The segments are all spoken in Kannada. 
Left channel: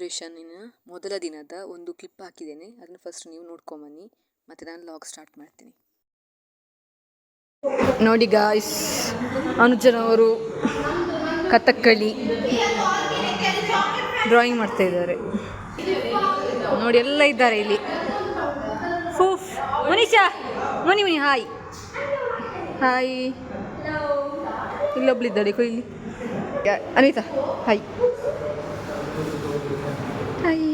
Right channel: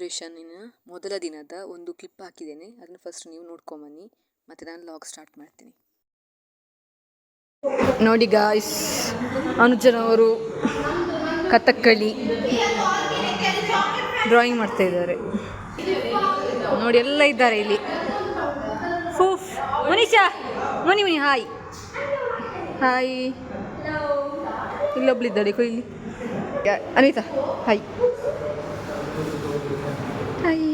ಸೆಲೆಬ್ರೇಷನ್ನಿನ ಮೊದಲ ದಿನದ ಒಂದು ಕ್ಲಿಪ್ ಹಾಕಿದ್ದೇನೆ. ಅದನ್ನು ಫಸ್ಟ್ ನೀವು ನೋಡ್ಕೊಂಬನ್ನಿ, ಮತ್ತು ನಾನು ಲಾಗ್ ಸ್ಟಾರ್ಟ್ ಮಾಡ್ತೀನಿ. ನೋಡಿ ಗಾಯ್ಸ್, ಅನುಜನವರು ಕಥಕ್ಕಳಿ ಡ್ರಾಯಿಂಗ್ ಮಾಡ್ತಾ ಇದ್ದಾರೆ. ನೋಡಿ ಎಲ್ಲ ಇದ್ದಾರೆ ಇಲ್ಲಿ. ಫೂಫ್ ಮುನಿಷಾ, ಮುನಿ ಹಾಯ್ ಹಾಯ್. ಇಲ್ಲೊಬ್ಳಿದ್ದಾಳೆ ಕೊಯ್ಲಿ. Anita hi hi.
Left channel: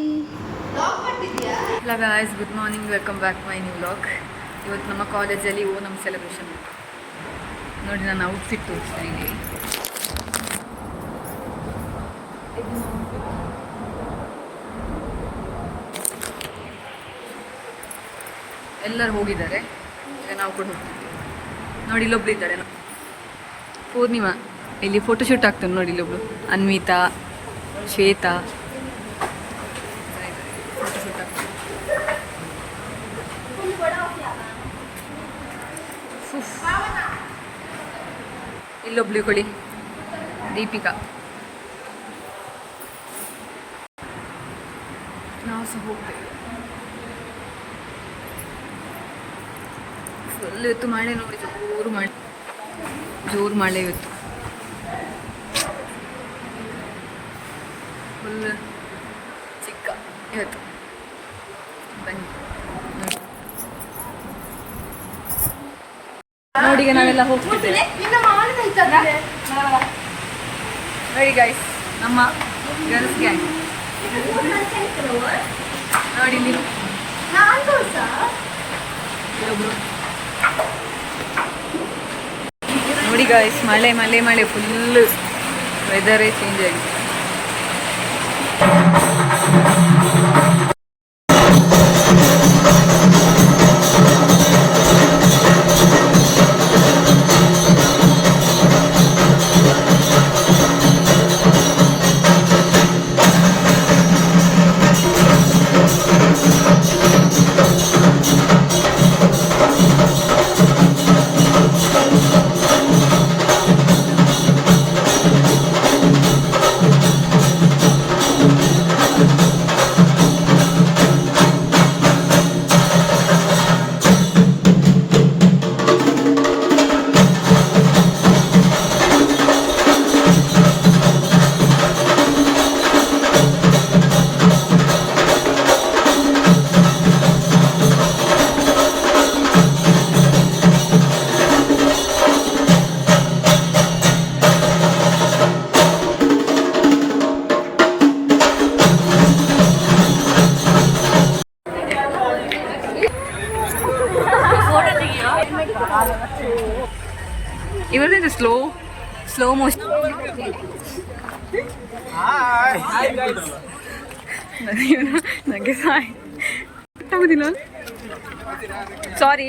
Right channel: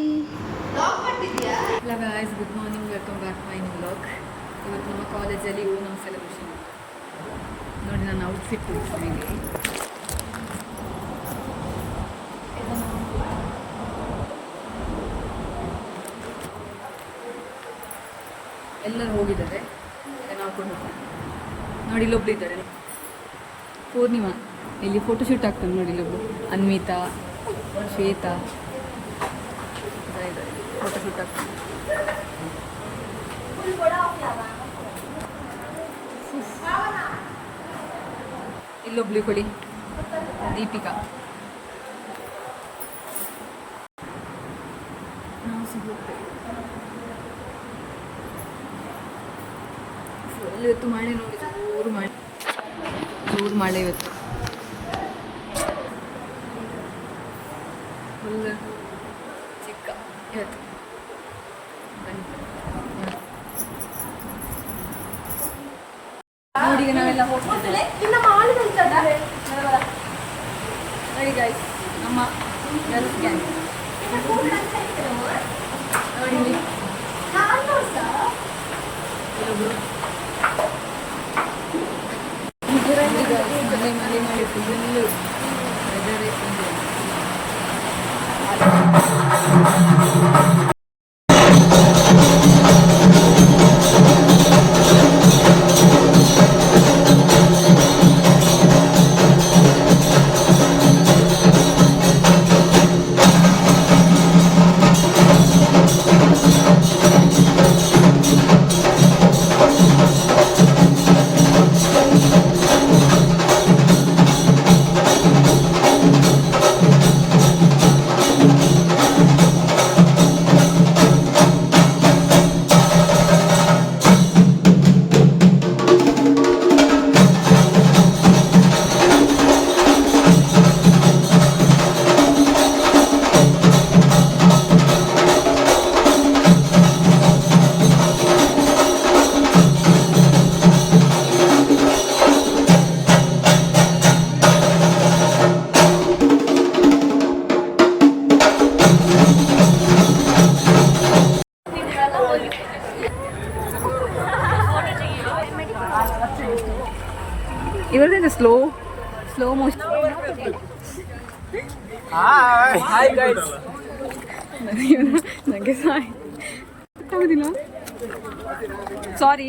Hello guys, good morning, welcome back my new vlog. ಇವತ್ತು ನಮ್ಮ ಕಾಲೇಜಲ್ಲಿ ಓಣಂ ಸೆಲೆಬ್ರೇಷನ್ ಉಂಟು. ನೋಡಿ ನಾನು ಔಟ್ಫಿಟ್ ತೋರಿಸ್ತೀನಿ ಇಲ್ಲಿ. ಎಲ್ಲರೂ ಹೋಗಿದ್ದಾರೆ, ಈಗ ನಾವು ಕೂಡ ಹೋಗ್ತಿದ್ದೀವಿ. ನೋಡಿ ಇಲ್ಲೊಬ್ಳಿದ್ದಾಳೆ ಪೂರ್ಣಿಮಾ, ಇಲ್ಲಿ ಫೋಟೋಶೂಟ್ ಆಗ್ತಾನೆ ನೋಡಿ. ಇಲ್ಲೊಬ್ಳು ಅನ್ವಿತಾ, ಶ್ವೇತಾ ಫೋಟೋಶೂಟ್ ಆಗ್ತಾನೆ. ಇಲ್ಲೊಬ್ಳು ಕೊಡಿ ದೀಪಿಕಾ. ನಾವು ಸಹ ಹೋಗ್ತೇವೆ. ಫುಲ್ ಇವತ್ತು ಮಳೆ ನೋಡಿ, ಜೋರು ಮಳೆ ಇವತ್ತು. ಫುಲ್ ಚಿಕ್ಕ ಇವತ್ತು. ಬನ್ನಿ ನೋಡಿ, ಈಗ ನಾವೆಲ್ಲ ಹೋಗ್ತಿದ್ದೇವೆ. ನೋಡಿ ಗೈಸ್, ನಮ್ಮ ಗರ್ಲ್ಸ್ ಗ್ಯಾಂಗ್ ನೋಡಿ. ನೋಡಿ ಗಾಯ್ಸ್, ಮಳೆ ಮಳೆ ಮಳೆ, ಫುಲ್ ವೆದರೇ ಚೇಂಜ್ ಆಗಿದೆ. ಇವರದಿಂದ ಸ್ಲೋ ಮೋಷನ್. ನನಗೆ ಆಗೋದಿಲ್ಲ, ಸಾರಿ.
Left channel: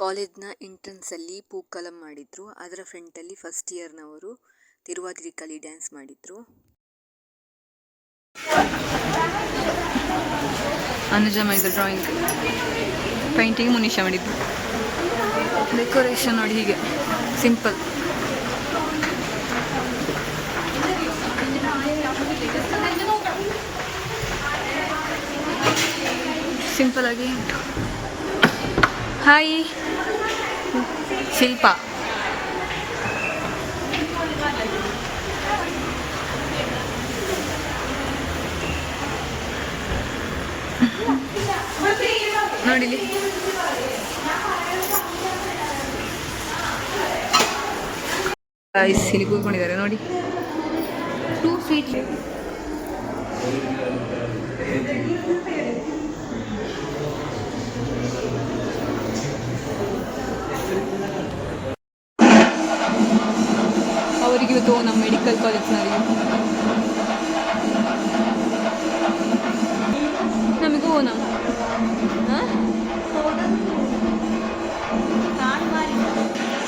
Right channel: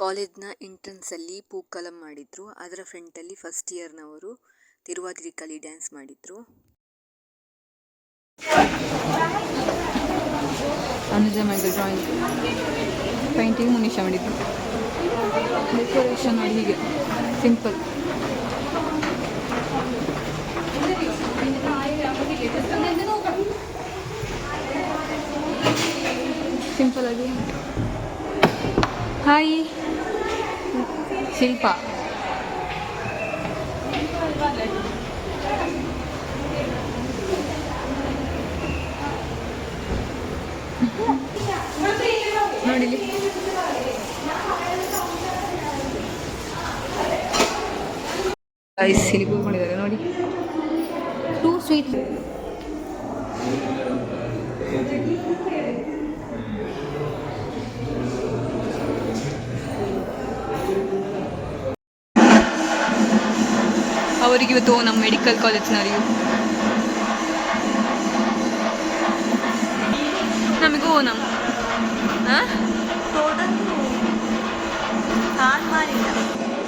ಕಾಲೇಜ್ನ ಎಂಟ್ರೆನ್ಸಲ್ಲಿ ಪೂಕಲಂ ಮಾಡಿದ್ರು. ಅದರ ಫ್ರಂಟಲ್ಲಿ ಫಸ್ಟ್ ಇಯರ್ನವರು ತಿರುವಾತಿರಿ ಕಲಿ ಡ್ಯಾನ್ಸ್ ಮಾಡಿದ್ರು. ಅನುಜ ಮಾಡಿದ್ರು ಡ್ರಾಯಿಂಗ್, ಪೇಂಟಿಂಗ್ ಮುನೀಶ ಮಾಡಿದ್ರು. ಡೆಕೋರೇಷನ್ ನೋಡಿ ಹೀಗೆ ಸಿಂಪಲ್. ಸಿಂಪಲ್ ಆಗಿ ಉಂಟು. ಹಾಯ್ ಶಿಲ್ಪ. ನೋಡಿಲಿ ಇಲ್ಲಿ ಕೂತ್ಕೊಂಡಿದ್ದಾರೆ ನೋಡಿ. ಅವರಿಗೆ ಇವತ್ತು ನಮ್ಮ ಮೆಡಿಕಲ್ ಕಾಲೇಜ್ನವರಿಗೂ ನಮಗೂ ಓನಂ.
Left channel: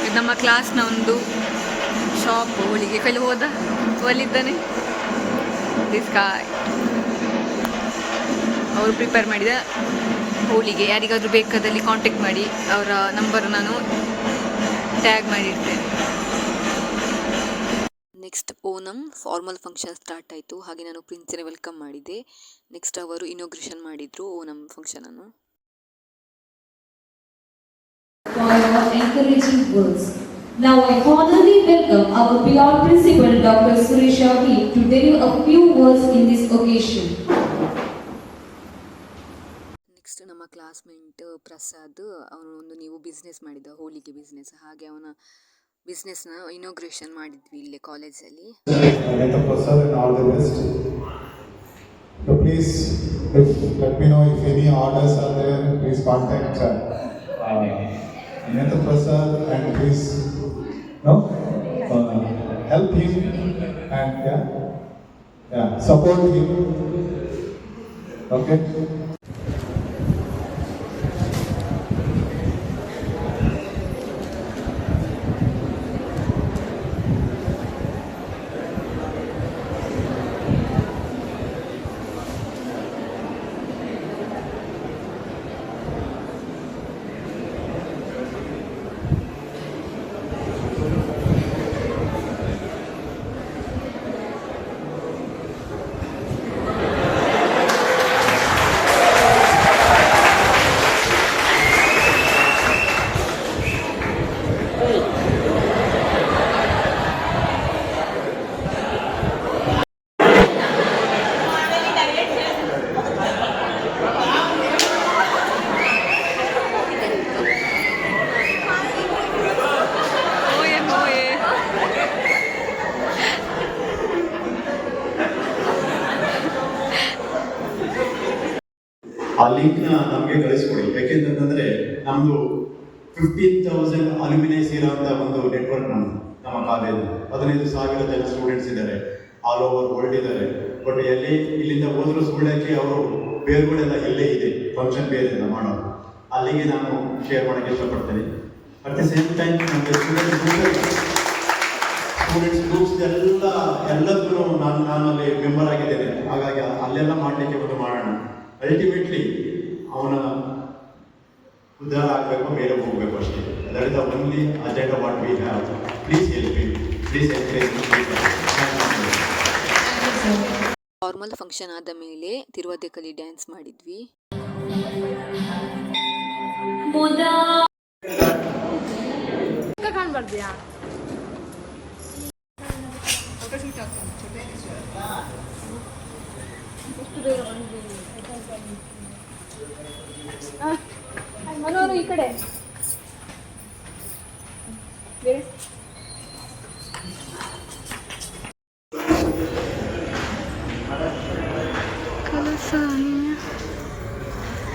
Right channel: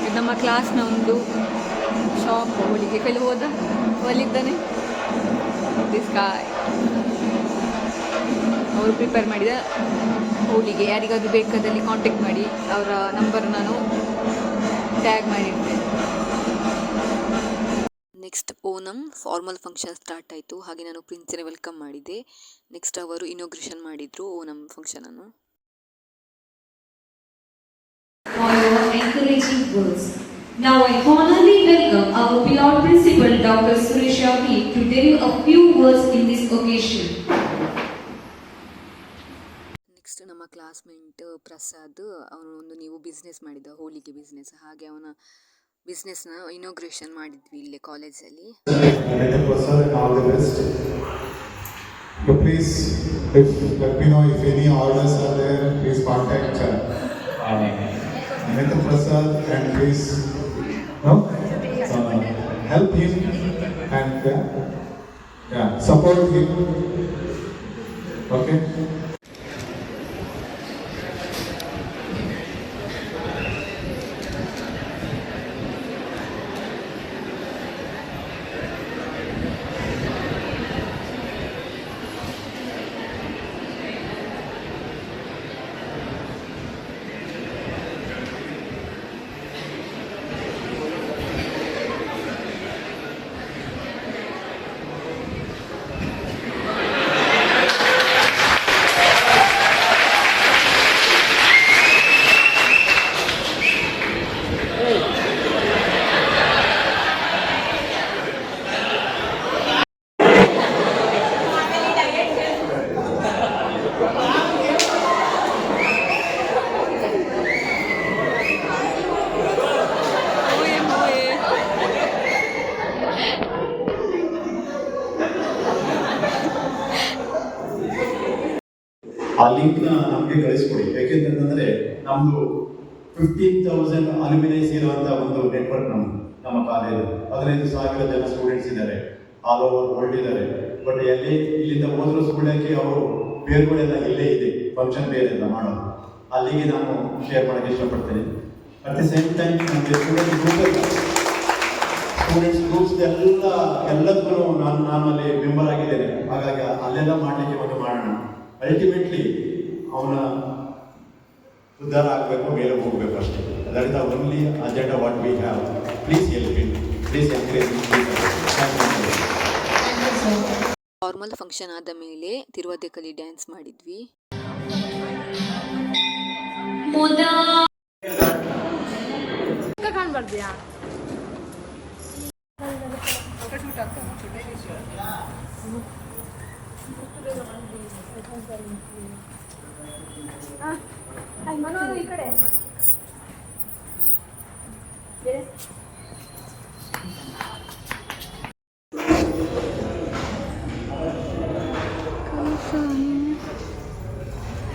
ಇದು ನಮ್ಮ ಕ್ಲಾಸ್ನ ಒಂದು ಶಾಪ್. ಹೋಳಿಗೆ ಕೈಲಿ ಹೋದ ಒಲಿದ್ದಾನೆ ದಿಸ್ಕಾಯ್. ಅವರು ಪ್ರಿಪೇರ್ ಮಾಡಿದ ಹೋಳಿಗೆ. ಯಾರಿಗಾದರೂ ಬೇಕಾದಲ್ಲಿ ಕಾಂಟ್ಯಾಕ್ಟ್ ಮಾಡಿ, ಅವರ ನಂಬರ್ ನಾನು ಟ್ಯಾಗ್ ಮಾಡಿರ್ತೇನೆ. Next Onam formal function start ಆಯಿತು. ಹಾಗೆ ನಾನು ಪ್ರಿನ್ಸಿನ ವೆಲ್ಕಮ್ ಮಾಡಿದ್ದೆ. ನೆಕ್ಸ್ಟ್ ಅವರು ಇನಾಗ್ರೇಷನ್ ಮಾಡಿದರು ಓನಂ ಫಂಕ್ಷನನ್ನು. For your encouraging words, Now I formally welcome our beloved principal, Dr. Suresh Ravi, to deliver a few words in this occasion. Next ನಮ್ಮ ಕ್ಲಾಸ್ಮೇಟ್ ಪ್ರಸಾದ್, ಅವನು ಒಂದು ನೀವು ಬಿಸ್ನೆಸ್ ಮಾಡಿದ್ದ, ಹೋಳಿಗೆ ಬಿಸ್ನೆಸ್, ಹಾಗೆ ಅವನ ಬಿಸ್ನೆಸ್ನ ಇನಾಗ್ರೇಷನ್ ಮಾಡಿದ್ವಿ ಇಲ್ಲೇ ಕಾಲೇಜಲ್ಲಿ. So please, let me know if any orders are there. Please contact Anita Prasad and please help him and support him. Okay. ಆ ಲಿಂಕ್ನ ನಮಗೆ ಕಳಿಸ್ಕೊಡಿ. ಯಾಕೆಂತಂದ್ರೆ ನಮ್ದು 15,000 ಅಲ್ಯುಮಿನೈಸ್ ಇರುವಂತ ಒಂದು ನೆಟ್ವರ್ಕ್ ನಮ್ಮ ಕಾಲೇಜ್. 15,000 ಜನ ಸ್ಟೂಡೆಂಟ್ಸ್ ಇದ್ದಾರೆ, ಆಲ್ ಓವರ್ ವರ್ಲ್ಡ್ ಇದ್ದಾರೆ. ಬಟ್ ಇಲ್ಲಿಂದ ಹೋದ್ರು ಸುಳ್ಳಾಕಿ ಅವರು ಬೇರೆಗಳೆಲ್ಲ ಇಲ್ಲೇ ಇದೆ, ಫಂಕ್ಷನ್ ಬೇರೆಲ್ಲ ಮಾಡೋದು. ಅಲ್ಲಿಗೆ ನಾನು ಶೇರ್ ಮಾಡೋಕ್ಕೆ ಇಷ್ಟಪಡ್ತೇನೆ. ಅಟ್ ದ ಸೇಮ್ ಟೈಮ್ ನನಗೆ ಸ್ಟೂಡೆಂಟ್ಸ್ ಗ್ರೂಪ್ಸ್ ಎಲ್ಲದಕ್ಕೂ ನಾನು ಅಲ್ಲಿ ಮೆಂಬರ್ ಆಗಿದ್ದೇನೆ. ಹಾಗಾಗಿ ಅಲ್ಲೆಲ್ಲ ಮಾಡಲಿಕ್ಕೆ ಒಂದು ಮಾಡೋಣ. ಅಲ್ಟಿಮೇಟ್ಲಿ ಅವನ ಉದ್ಧಾರ ಆಗಬೇಕು, ಬೇರೆ ಹೋಗಬೇಕು ಅಷ್ಟೇ. That is the only agenda what we have. Please help me, please encourage. Formal function ಆದ ಮೇಲೆ ತಿರುವದೆಕಲಿ ಡ್ಯಾನ್ಸ್ ಮಾಡಿದ್ವಿ. ಕಾಣ್ಬಾರ್ದ್ಯಾ ಈ ಕಡೆ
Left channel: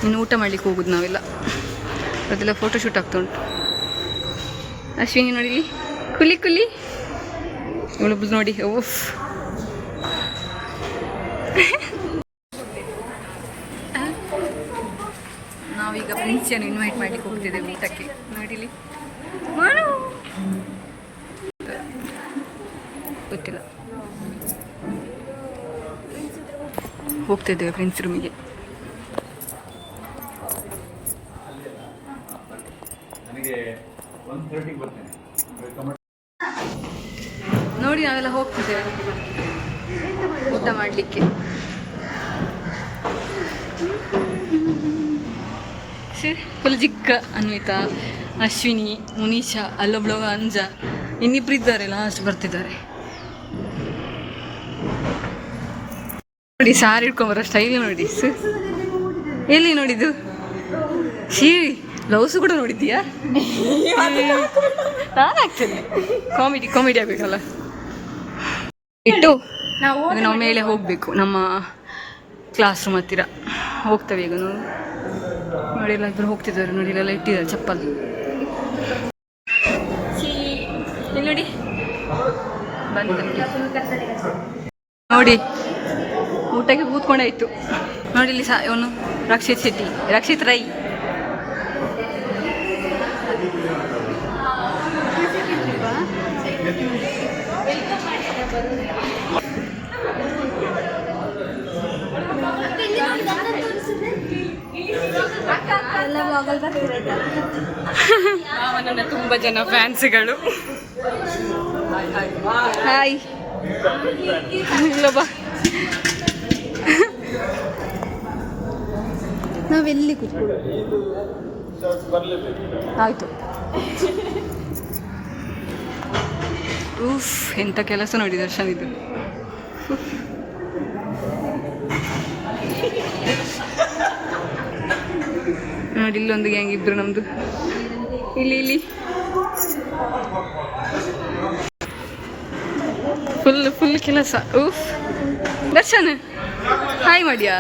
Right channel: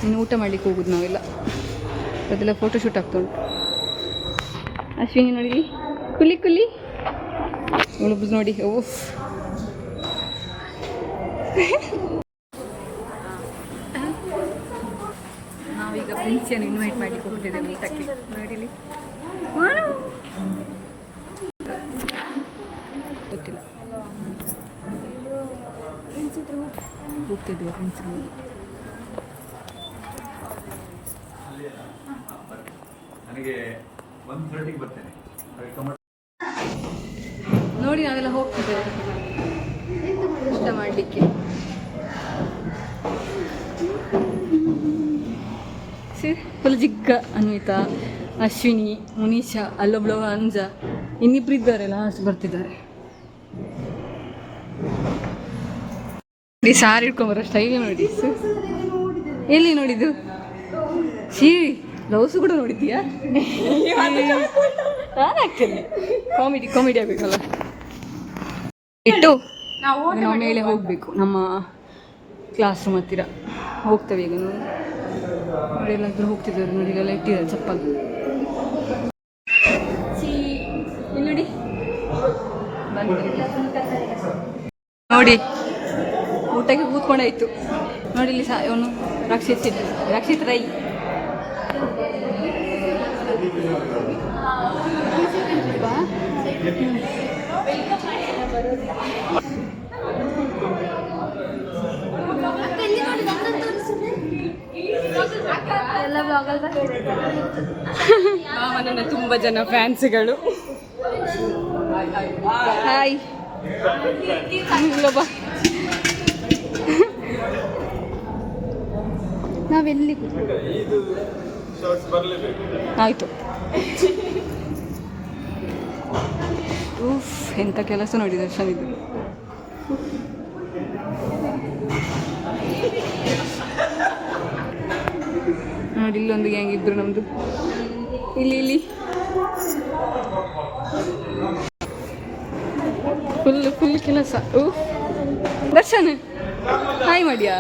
ಇನ್ನು ಊಟ ಮಾಡ್ಲಿಕ್ಕೆ ಹೋಗುದು ನಾವೆಲ್ಲ. ಅದೆಲ್ಲ ಫೋಟೋಶೂಟ್ ಆಗ್ತಾ ಉಂಟು. ಅಶ್ವಿನಿ ನೋಡಿಲಿ, ಕುಲಿ ಇವಳೊಬ್ಬಳು ನೋಡಿ. ಓಫ್, ನಾವೀಗ ಪ್ರಿನ್ಸಿಯನ್ನು ಇನ್ವೈಟ್ ಮಾಡ್ಲಿಕ್ಕೆ ಹೋಗ್ತಿದ್ದೇವೆ ಊಟಕ್ಕೆ. ನೋಡಿಲಿ, ಗೊತ್ತಿಲ್ಲ, ಹೋಗ್ತಿದ್ದೇವೆ ಪ್ರಿನ್ಸ್ ರೂಮಿಗೆ. ನೋಡಿ ನಾವೆಲ್ಲ ಹೋಗ್ತಿದ್ದೇವೆ ಊಟ ಮಾಡಲಿಕ್ಕೆ. ಫುಲ್ ಜಿಕ್ಕ ಅನ್ವಿತಾ, ಅಶ್ವಿನಿ, ಮುನೀಶಾ, ಅಲ್ಲೊಬ್ಳು ಅಂಜ, ಇನ್ನಿಬ್ರು ಇದ್ದಾರೆ, ಲಾಸ್ಟ್ ಬರ್ತಿದ್ದಾರೆ. ನೋಡಿ ಸಾರಿ ಇಟ್ಕೊಂಬರೋ ಸ್ಟೈಲ್ ನೋಡಿ. ಎಲ್ಲಿ ನೋಡಿದ್ದು? ಬ್ಲೌಸು ಕೂಡ ನೋಡಿದ್ದೀಯಾ? ನಾನು ಆಗ್ತೇನೆ, ಕಾಮಿಡಿ ಆಗಬೇಕಲ್ಲ. ಇಟ್ಟು ನಾವು ಮೇಲೆ ಹೋಗಬೇಕು, ನಮ್ಮ ಕ್ಲಾಸ್ ರೂಮ್ ಹತ್ತಿರ ಹೋಗ್ತೇವೆ ಈಗ. ನೋಡಿ ಎಲ್ಲಾದ್ರೂ ಹೋಗ್ತಿದ್ದಾರೆ, ನೋಡಿ ಇಲ್ಲೆಲ್ಲ ಇಟ್ಟಿದ್ದಾರೆ ಚಪ್ಪಲ್. ನೋಡಿ ನೋಡಿ ಊಟಕ್ಕೆ ಕೂತ್ಕೊಂಡಾಯ್ತು. ನೋಡಿ ಇಲ್ಲಿ ಇವನು ರಕ್ಷಿತ್ ಶೆಟ್ಟಿ, ರಕ್ಷಿತ್ ರೈ. ನನ್ನ ತುಂಬ ಜನ ಫ್ಯಾನ್ಸ್ಗಳು. ಹಾಯ್, ಬಾ. ನಾವೆಲ್ಲಿ ಆಯಿತು. ಉಫ್ ಎಂಥ ಕೆಲಸ ನೋಡಿ ದರ್ಶನ್ ಇದು. ನೋಡಿ ಇಲ್ಲೊಂದು ಗ್ಯಾಂಗ್ ಇಬ್ರು ನಮ್ದು. ಇಲ್ಲಿ ಫುಲ್ ಕೆಲಸ. ಉಫ್ ದರ್ಶನ್ ಹಾಯ್ ಮಾಡಿಯಾ.